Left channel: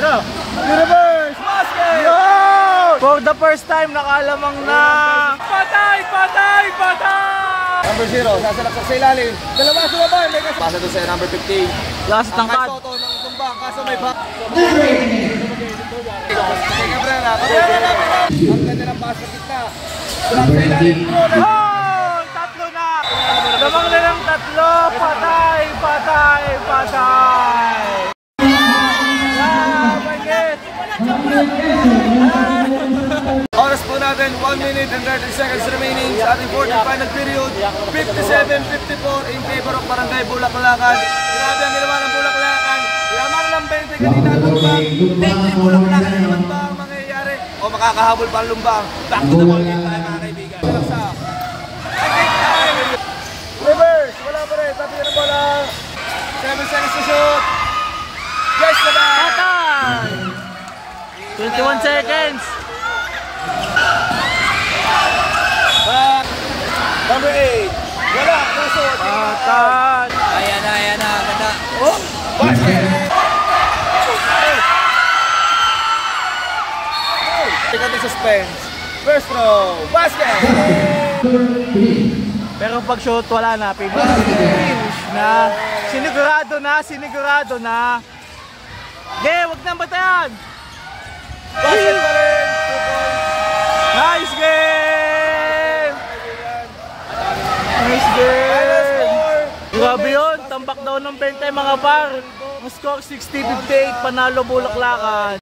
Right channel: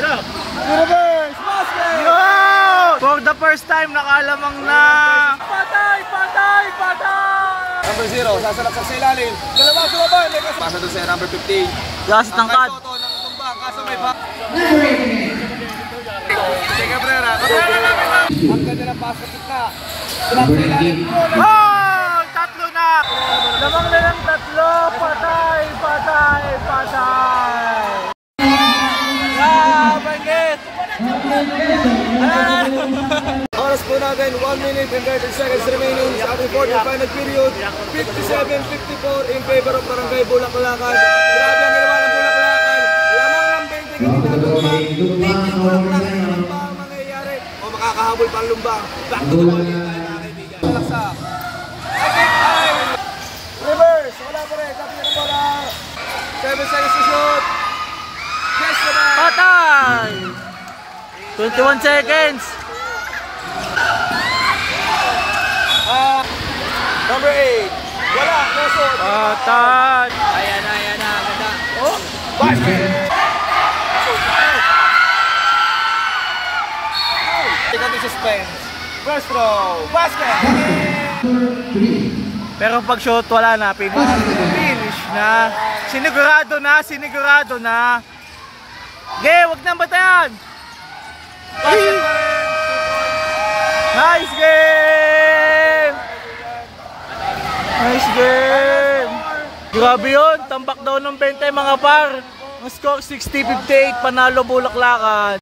Reverse basket! Yo! For the first time, nakalamang na. Patay! Patay! Patay! Number 0, sasalaksak sa ilalim. Dalawa sa baba, may kasama. Pasa doon sa number 15. Last tangkad. Ang Soto ng tumbang, kaso may bang. Cabrera, Cabrera lang. Ang ganda ng basket na. Oh! Tatlo na! Lamang na ng tatlo. Patay! Patay! Patay! Ah! Bangit! Oras po natin, 1 minute and 30 seconds remaining sa ating quarterfinal period. 57-54 in favor of Barangay Bulaklakan. Grabe ang ginawa ng Bulaklakan. Lamang ng 20 kanina ang lumbang. 20 Bulaklakan naman ba ang mangyayari? O makakahabol pa ang lumbang? Back to the ball game pa mga kaibigan. Reverse, wala pa rin. Sabi ng bola. 7 seconds to shoot. Yes, naman! Patay! 21 seconds. Number 8. Wala, no shot. Patay! Ayan na, ganda. Oh, basket! Tingnan yung suspense. First throw, basket! Pero pag shot wala na, finish na. Sinigurado na, sinigurado na. Wag nang batayan. Basket pa rin. 2 points. Nice game! Nice game! Grabe yun, tambak daw ng 20 mga par. Ang score 60-58, panalo Bulaklakan.